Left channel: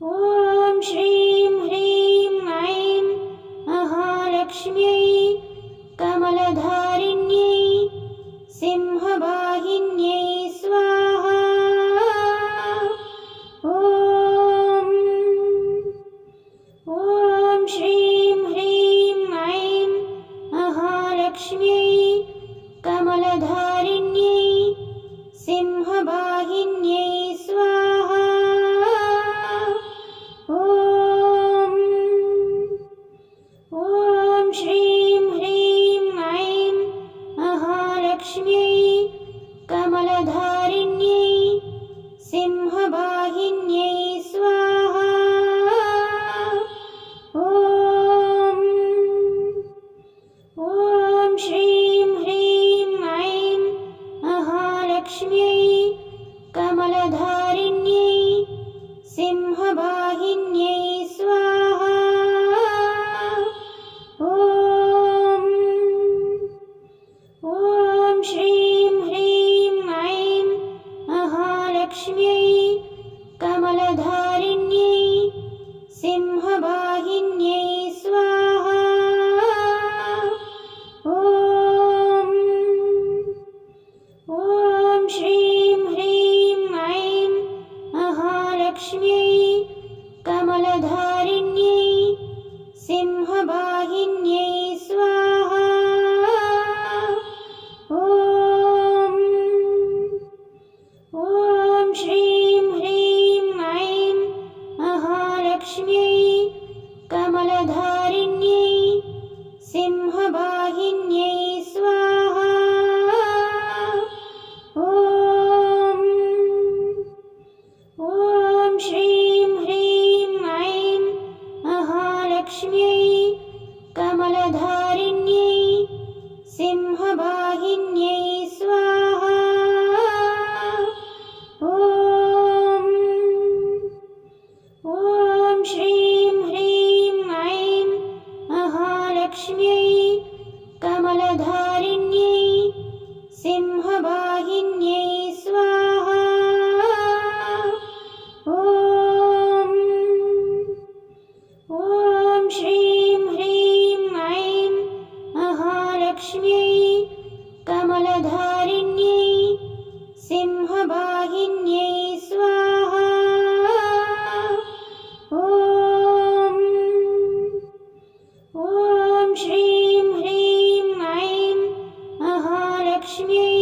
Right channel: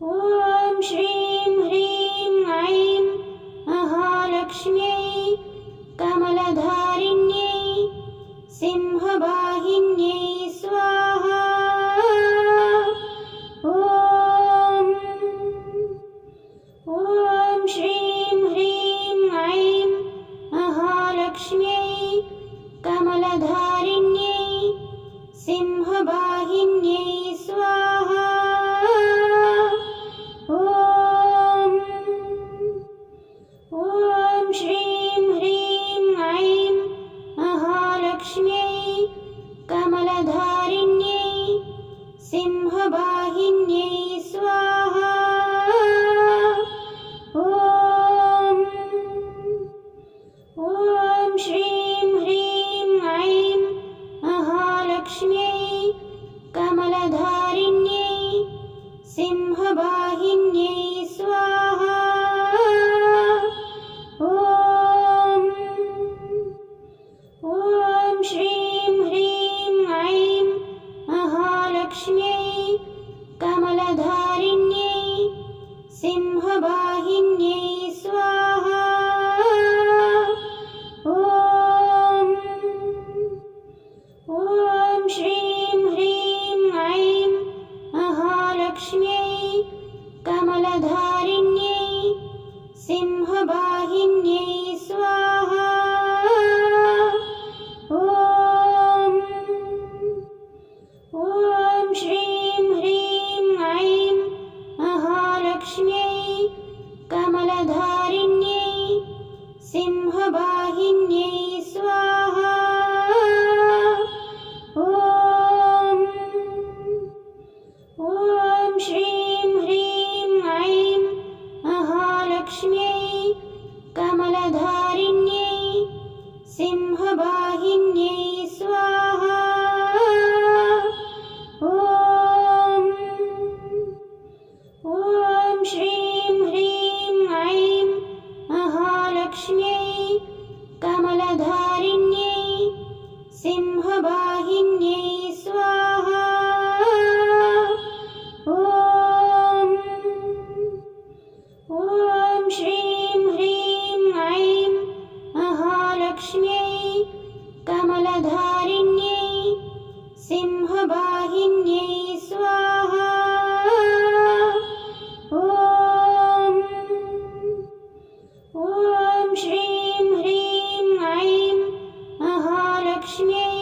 ॐ श्रीं ह्रीं ऐं महालक्ष्म्यै कमलधारिण्यै सिंहवाहिन्यै स्वाहा। ॐ श्रीं ह्रीं ऐं महालक्ष्म्यै कमलधारिण्यै सिंहवाहिन्यै स्वाहा। ॐ श्रीं ह्रीं ऐं महालक्ष्म्यै कमलधारिण्यै सिंहवाहिन्यै स्वाहा। ॐ श्रीं ह्रीं ऐं महालक्ष्म्यै कमलधारिण्यै सिंहवाहिन्यै स्वाहा। ॐ श्रीं ह्रीं ऐं महालक्ष्म्यै कमलधारिण्यै सिंहवाहिन्यै स्वाहा। ॐ श्रीं ह्रीं ऐं महालक्ष्म्यै कमलधारिण्यै सिंहवाहिन्यै स्वाहा। ॐ श्रीं ह्रीं ऐं महालक्ष्म्यै कमलधारिण्यै सिंहवाहिन्यै स्वाहा। ॐ श्रीं ह्रीं ऐं महालक्ष्म्यै कमलधारिण्यै सिंहवाहिन्यै स्वाहा। ॐ श्रीं ह्रीं ऐं महालक्ष्म्यै कमलधारिण्यै सिंहवाहिन्यै स्वाहा। ॐ श्रीं ह्रीं ऐं महालक्ष्म्यै कमलधारिण्यै सिंहवाहिन्यै स्वाहा। ॐ श्रीं ह्रीं ऐं महालक्ष्म्यै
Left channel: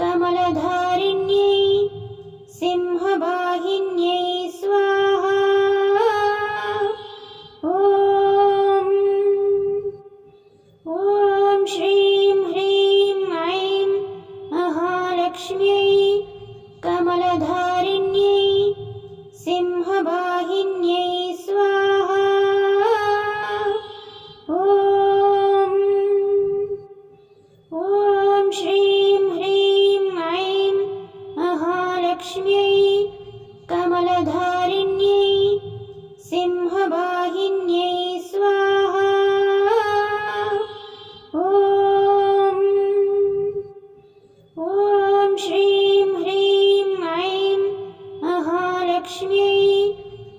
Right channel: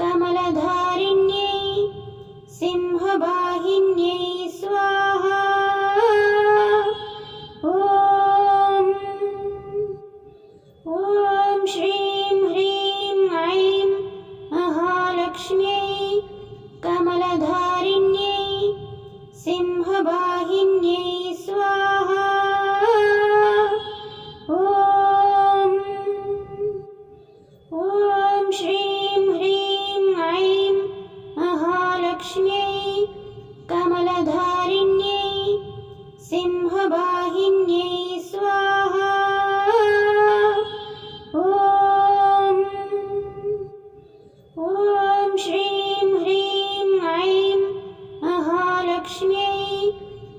कमलधारिण्यै सिंहवाहिन्यै स्वाहा। ॐ श्रीं ह्रीं ऐं महालक्ष्म्यै कमलधारिण्यै सिंहवाहिन्यै स्वाहा। ॐ श्रीं ह्रीं ऐं महालक्ष्म्यै कमलधारिण्यै सिंहवाहिन्यै स्वाहा। ॐ श्रीं ह्रीं ऐं महालक्ष्म्यै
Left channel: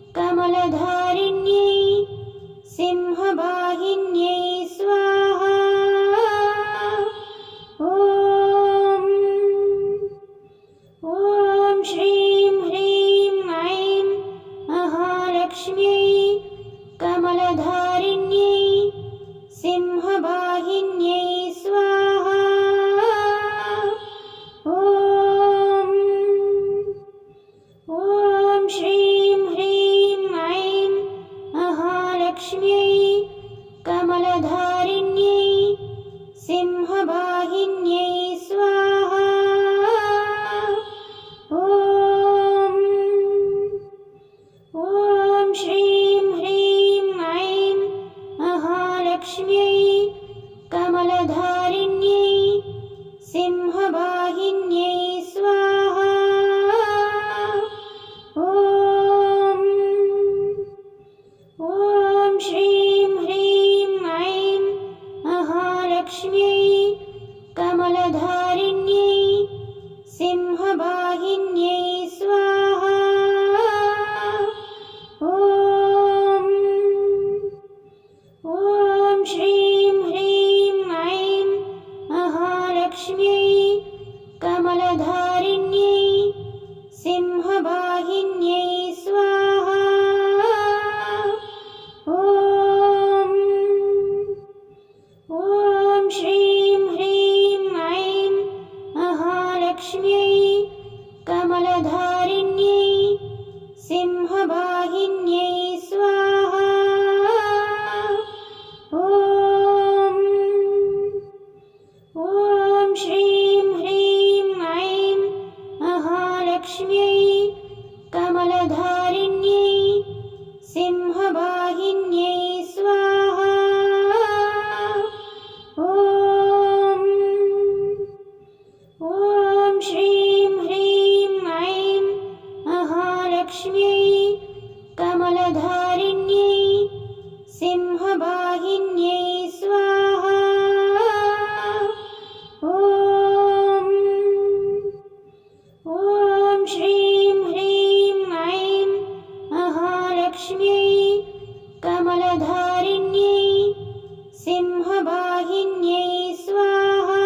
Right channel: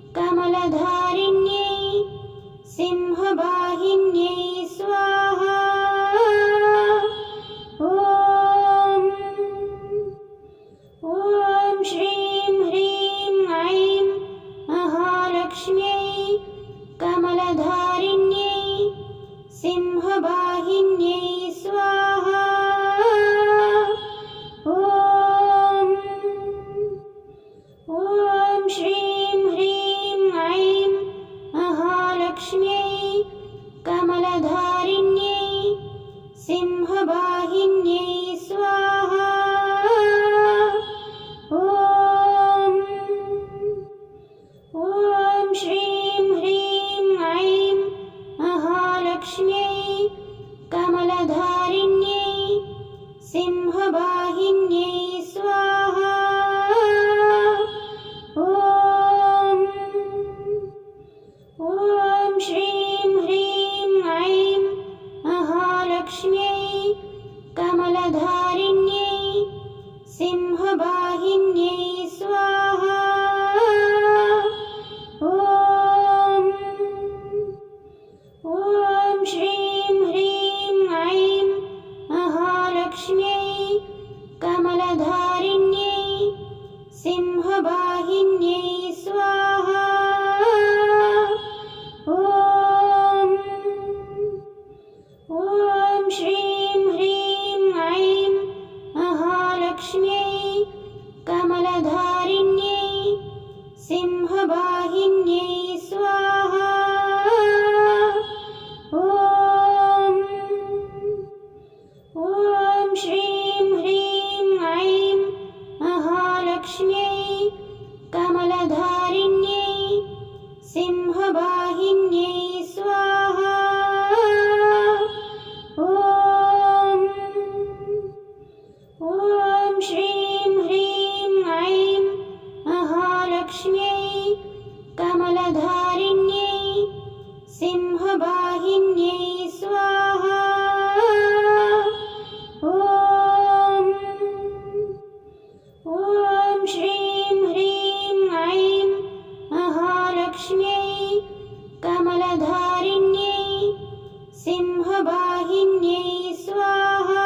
कमलधारिण्यै सिंहवाहिन्यै स्वाहा। ॐ श्रीं ह्रीं ऐं महालक्ष्म्यै कमलधारिण्यै सिंहवाहिन्यै स्वाहा। ॐ श्रीं ह्रीं ऐं महालक्ष्म्यै कमलधारिण्यै सिंहवाहिन्यै स्वाहा। ॐ श्रीं ह्रीं ऐं महालक्ष्म्यै कमलधारिण्यै सिंहवाहिन्यै स्वाहा। ॐ श्रीं ह्रीं ऐं महालक्ष्म्यै कमलधारिण्यै सिंहवाहिन्यै स्वाहा। ॐ श्रीं ह्रीं ऐं महालक्ष्म्यै कमलधारिण्यै सिंहवाहिन्यै स्वाहा।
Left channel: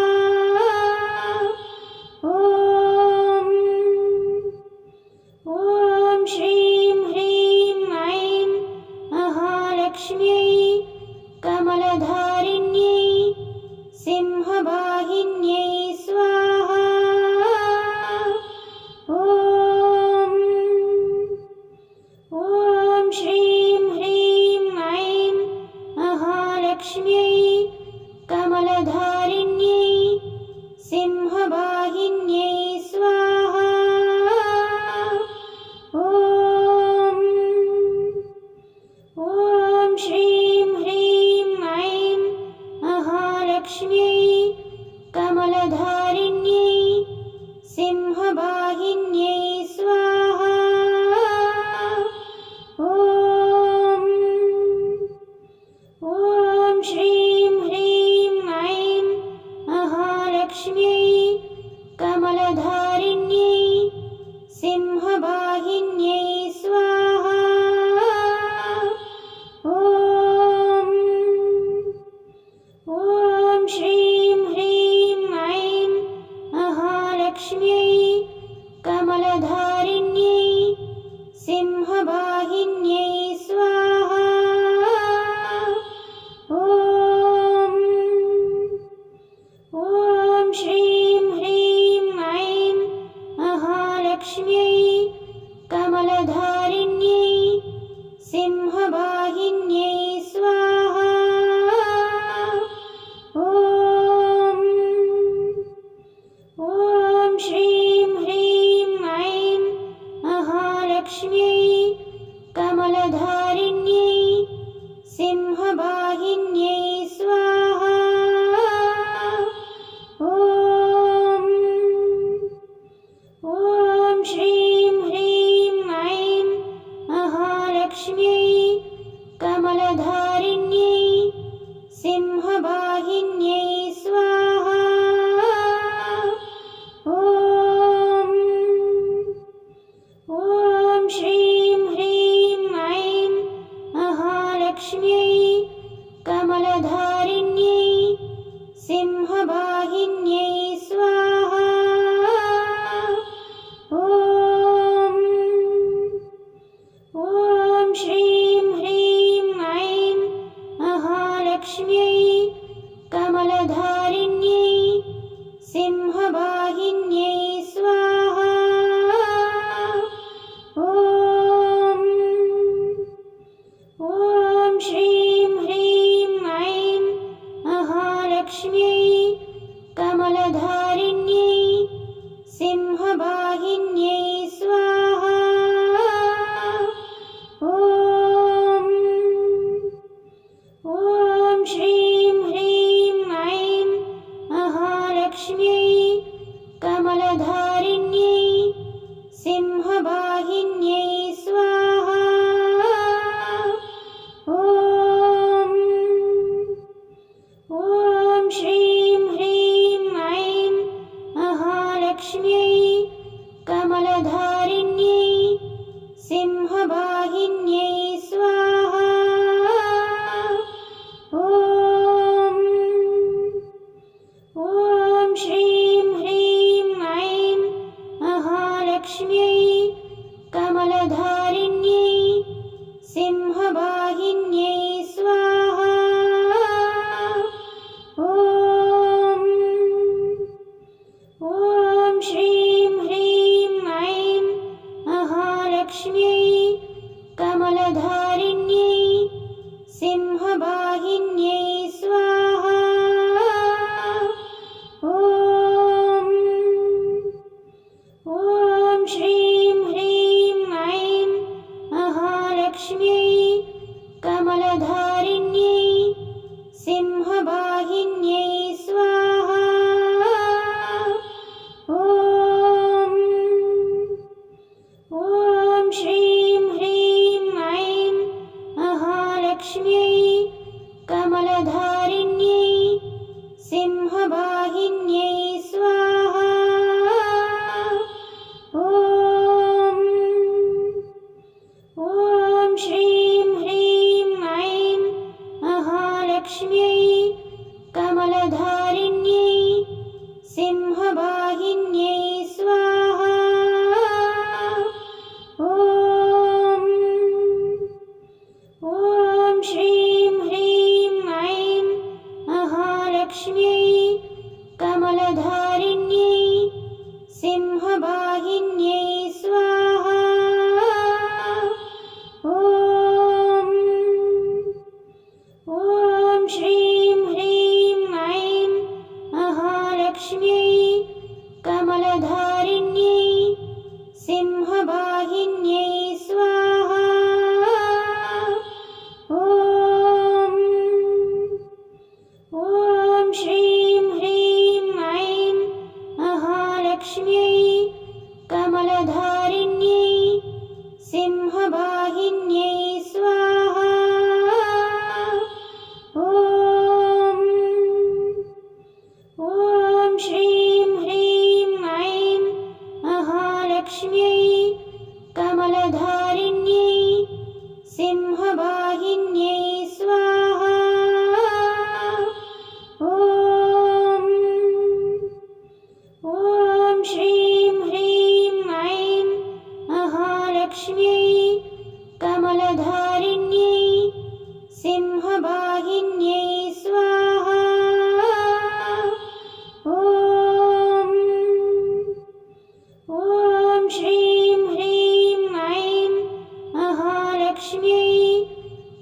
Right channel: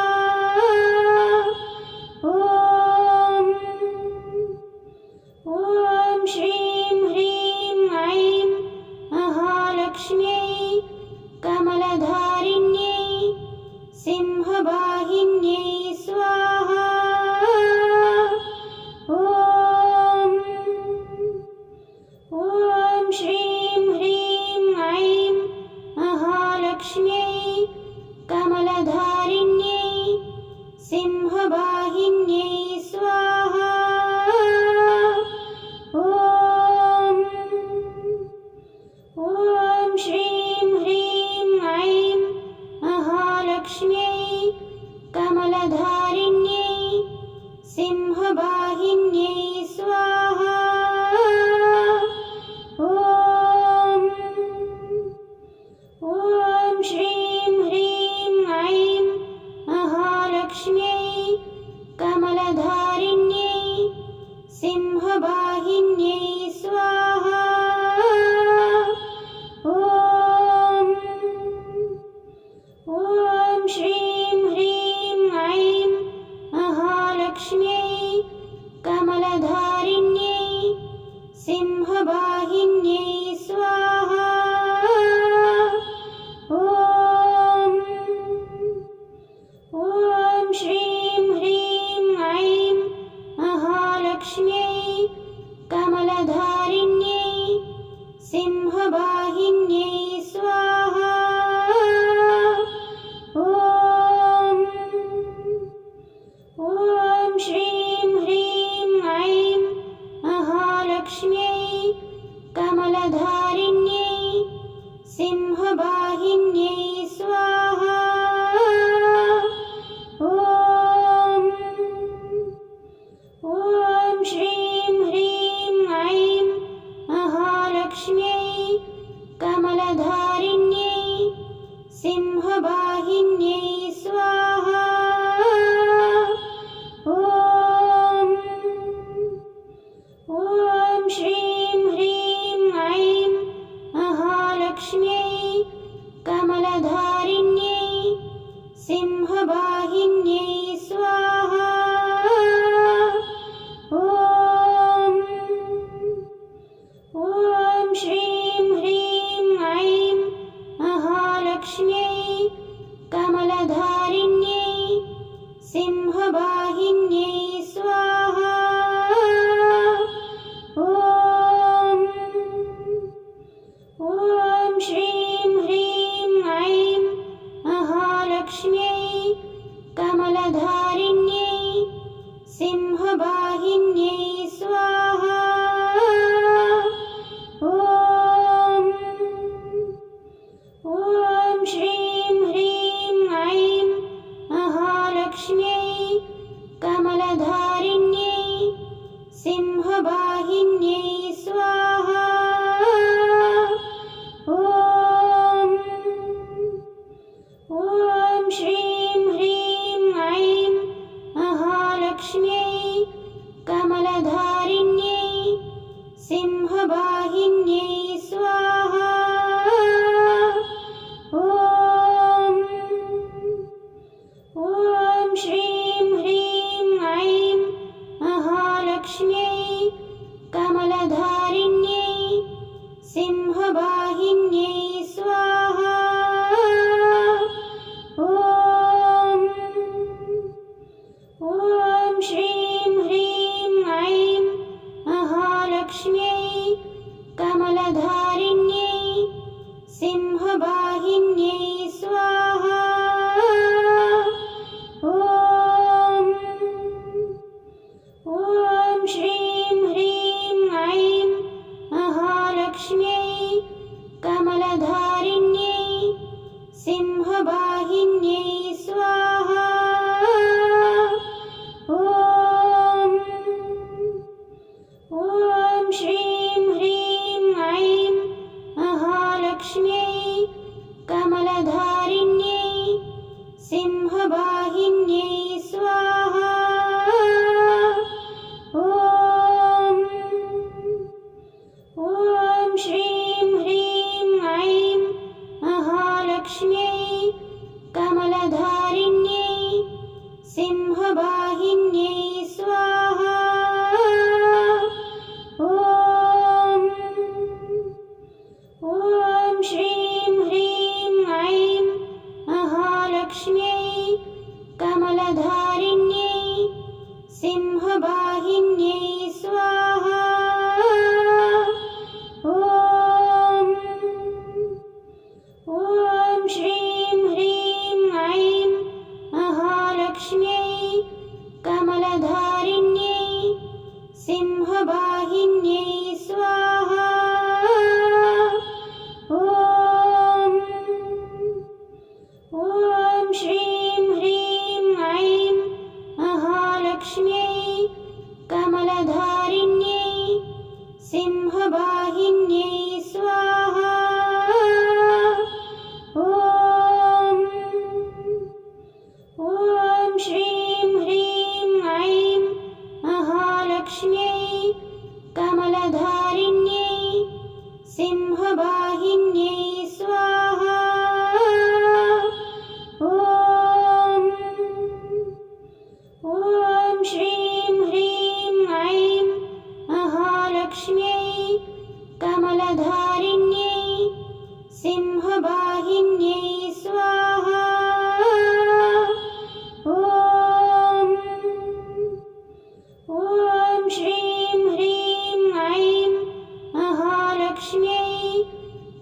ॐ श्रीं ह्रीं ऐं महालक्ष्म्यै कमलधारिण्यै सिंहवाहिन्यै स्वाहा। ॐ श्रीं ह्रीं ऐं महालक्ष्म्यै कमलधारिण्यै सिंहवाहिन्यै स्वाहा। ॐ श्रीं ह्रीं ऐं महालक्ष्म्यै कमलधारिण्यै सिंहवाहिन्यै स्वाहा। ॐ श्रीं ह्रीं ऐं महालक्ष्म्यै कमलधारिण्यै सिंहवाहिन्यै स्वाहा। ॐ श्रीं ह्रीं ऐं महालक्ष्म्यै कमलधारिण्यै सिंहवाहिन्यै स्वाहा। ॐ श्रीं ह्रीं ऐं महालक्ष्म्यै कमलधारिण्यै सिंहवाहिन्यै स्वाहा। ॐ श्रीं ह्रीं ऐं महालक्ष्म्यै कमलधारिण्यै सिंहवाहिन्यै स्वाहा। ॐ श्रीं ह्रीं ऐं महालक्ष्म्यै कमलधारिण्यै सिंहवाहिन्यै स्वाहा। ॐ श्रीं ह्रीं ऐं महालक्ष्म्यै कमलधारिण्यै सिंहवाहिन्यै स्वाहा। ॐ श्रीं ह्रीं ऐं महालक्ष्म्यै कमलधारिण्यै सिंहवाहिन्यै स्वाहा। ॐ श्रीं ह्रीं ऐं महालक्ष्म्यै कमलधारिण्यै सिंहवाहिन्यै स्वाहा। ॐ श्रीं ह्रीं ऐं महालक्ष्म्यै कमलधारिण्यै सिंहवाहिन्यै स्वाहा। ॐ श्रीं ह्रीं ऐं महालक्ष्म्यै कमलधारिण्यै सिंहवाहिन्यै स्वाहा। ॐ श्रीं ह्रीं ऐं महालक्ष्म्यै कमलधारिण्यै सिंहवाहिन्यै स्वाहा। ॐ श्रीं ह्रीं ऐं महालक्ष्म्यै कमलधारिण्यै सिंहवाहिन्यै स्वाहा। ॐ श्रीं ह्रीं ऐं महालक्ष्म्यै कमलधारिण्यै सिंहवाहिन्यै स्वाहा। ॐ श्रीं ह्रीं ऐं महालक्ष्म्यै कमलधारिण्यै सिंहवाहिन्यै स्वाहा। ॐ श्रीं ह्रीं ऐं महालक्ष्म्यै कमलधारिण्यै सिंहवाहिन्यै स्वाहा। ॐ श्रीं ह्रीं ऐं महालक्ष्म्यै कमलधारिण्यै सिंहवाहिन्यै स्वाहा। ॐ श्रीं ह्रीं ऐं महालक्ष्म्यै कमलधारिण्यै सिंहवाहिन्यै स्वाहा। ॐ श्रीं ह्रीं ऐं महालक्ष्म्यै कमलधारिण्यै सिंहवाहिन्यै स्वाहा। ॐ श्रीं ह्रीं ऐं महालक्ष्म्यै कमलधारिण्यै सिंहवाहिन्यै स्वाहा। ॐ श्रीं ह्रीं ऐं महालक्ष्म्यै कमलधारिण्यै सिंहवाहिन्यै स्वाहा। ॐ श्रीं ह्रीं ऐं महालक्ष्म्यै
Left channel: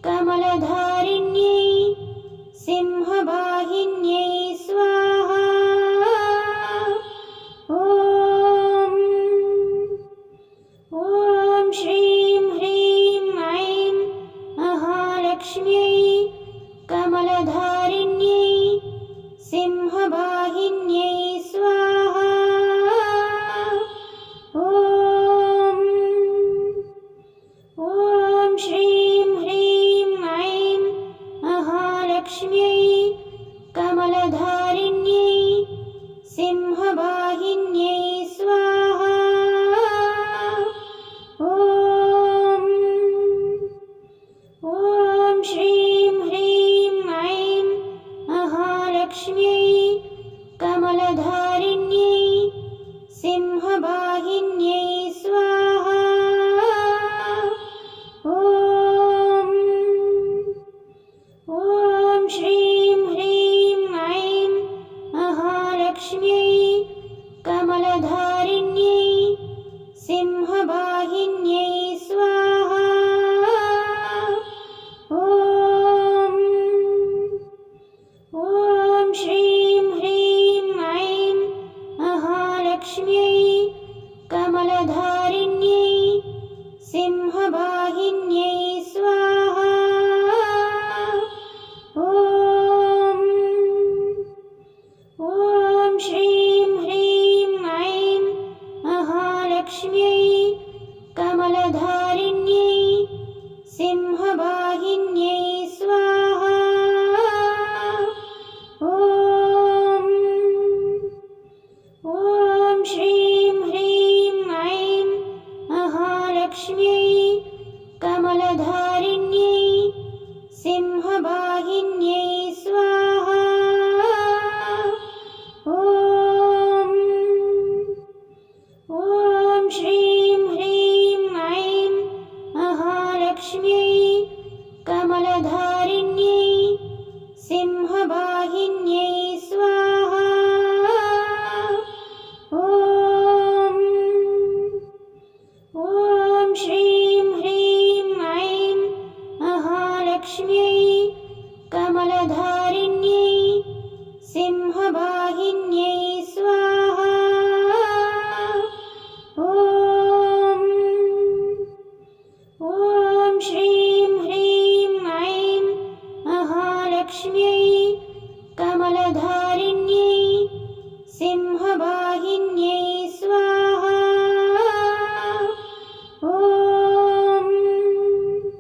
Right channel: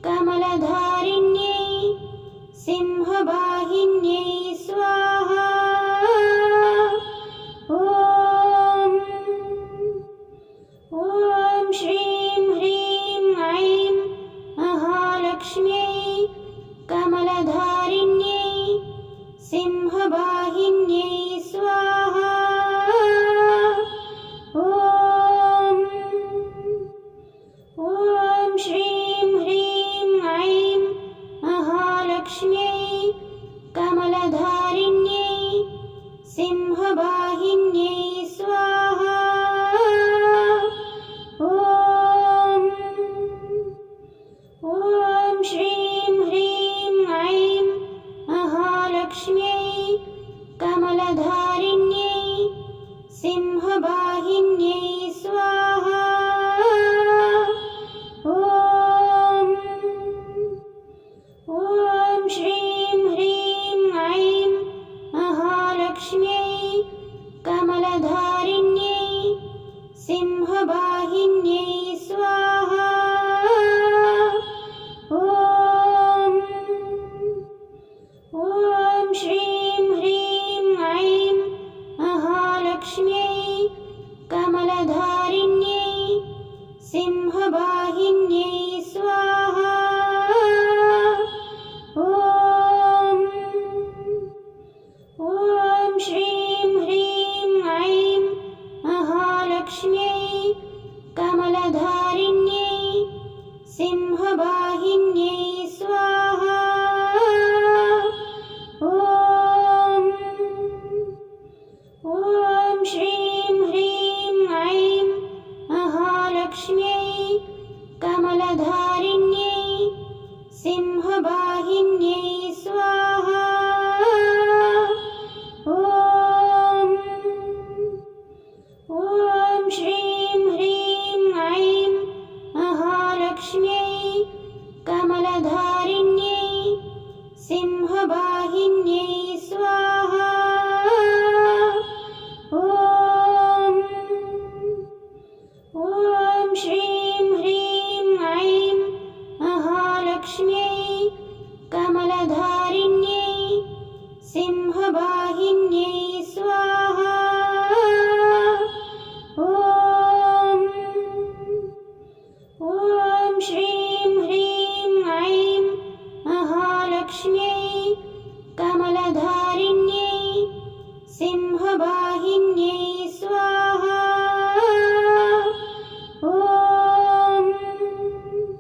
कमलधारिण्यै सिंहवाहिन्यै स्वाहा। ॐ श्रीं ह्रीं ऐं महालक्ष्म्यै कमलधारिण्यै सिंहवाहिन्यै स्वाहा। ॐ श्रीं ह्रीं ऐं महालक्ष्म्यै कमलधारिण्यै सिंहवाहिन्यै स्वाहा। ॐ श्रीं ह्रीं ऐं महालक्ष्म्यै कमलधारिण्यै सिंहवाहिन्यै स्वाहा। ॐ श्रीं ह्रीं ऐं महालक्ष्म्यै कमलधारिण्यै सिंहवाहिन्यै स्वाहा। ॐ श्रीं ह्रीं ऐं महालक्ष्म्यै कमलधारिण्यै सिंहवाहिन्यै स्वाहा। ॐ श्रीं ह्रीं ऐं महालक्ष्म्यै कमलधारिण्यै सिंहवाहिन्यै स्वाहा। ॐ श्रीं ह्रीं ऐं महालक्ष्म्यै कमलधारिण्यै सिंहवाहिन्यै स्वाहा। ॐ श्रीं ह्रीं ऐं महालक्ष्म्यै कमलधारिण्यै सिंहवाहिन्यै स्वाहा। ॐ श्रीं ह्रीं ऐं महालक्ष्म्यै कमलधारिण्यै सिंहवाहिन्यै स्वाहा। ॐ